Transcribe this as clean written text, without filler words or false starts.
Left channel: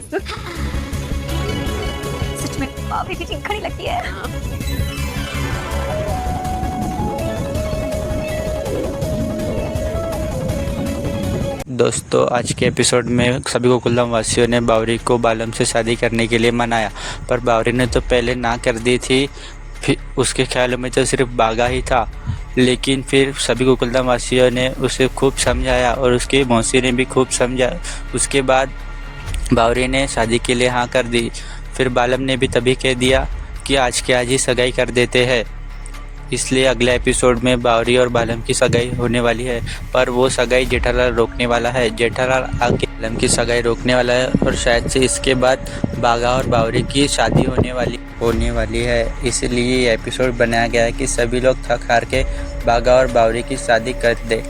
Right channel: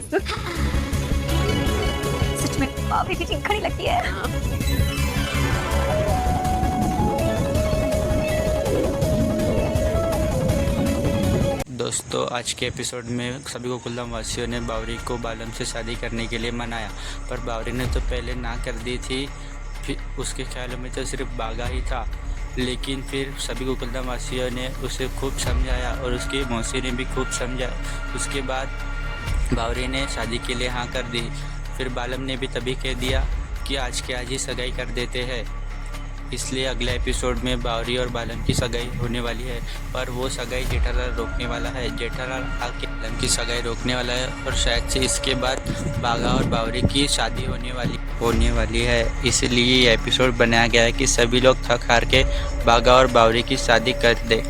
Face. सच में भाभी की चिंखड़ी लगती है। दोस्तों, आज के एपिसोड में सभी गोकुलधाम वासियों ने बावरी को बालम से शादी करने के लिए मनाया, पर बावरी ने तो पहले ना कर दी थी। फिर उसके ख्यालों में तो सिर्फ बागा ही था, लेकिन फिर सभी गोकुलधाम वासियों ने उसे खूब समझाया और उसकी मौसी ने भी खूब समझा। उसके बाद बावरी ने शादी के लिए हाँ कर दी। फिर बालम ने भी तभी कह दिया कि आज के आज ही सगाई कर देते हैं। इसलिए अगले एपिसोड में बावरी और बालम की सगाई होने वाली है, पर वो सगाई जेठालाल रोकने वाला है। जेठालाल आके बालम की सगाई रोकने वाला है और शायद से इसके बाद बागा और बावरी की शादी होने वाली है। इसलिए ये एपिसोड बनाया गया है कि सभी लोग थक हार के बागा और बावरी की शादी कर दे।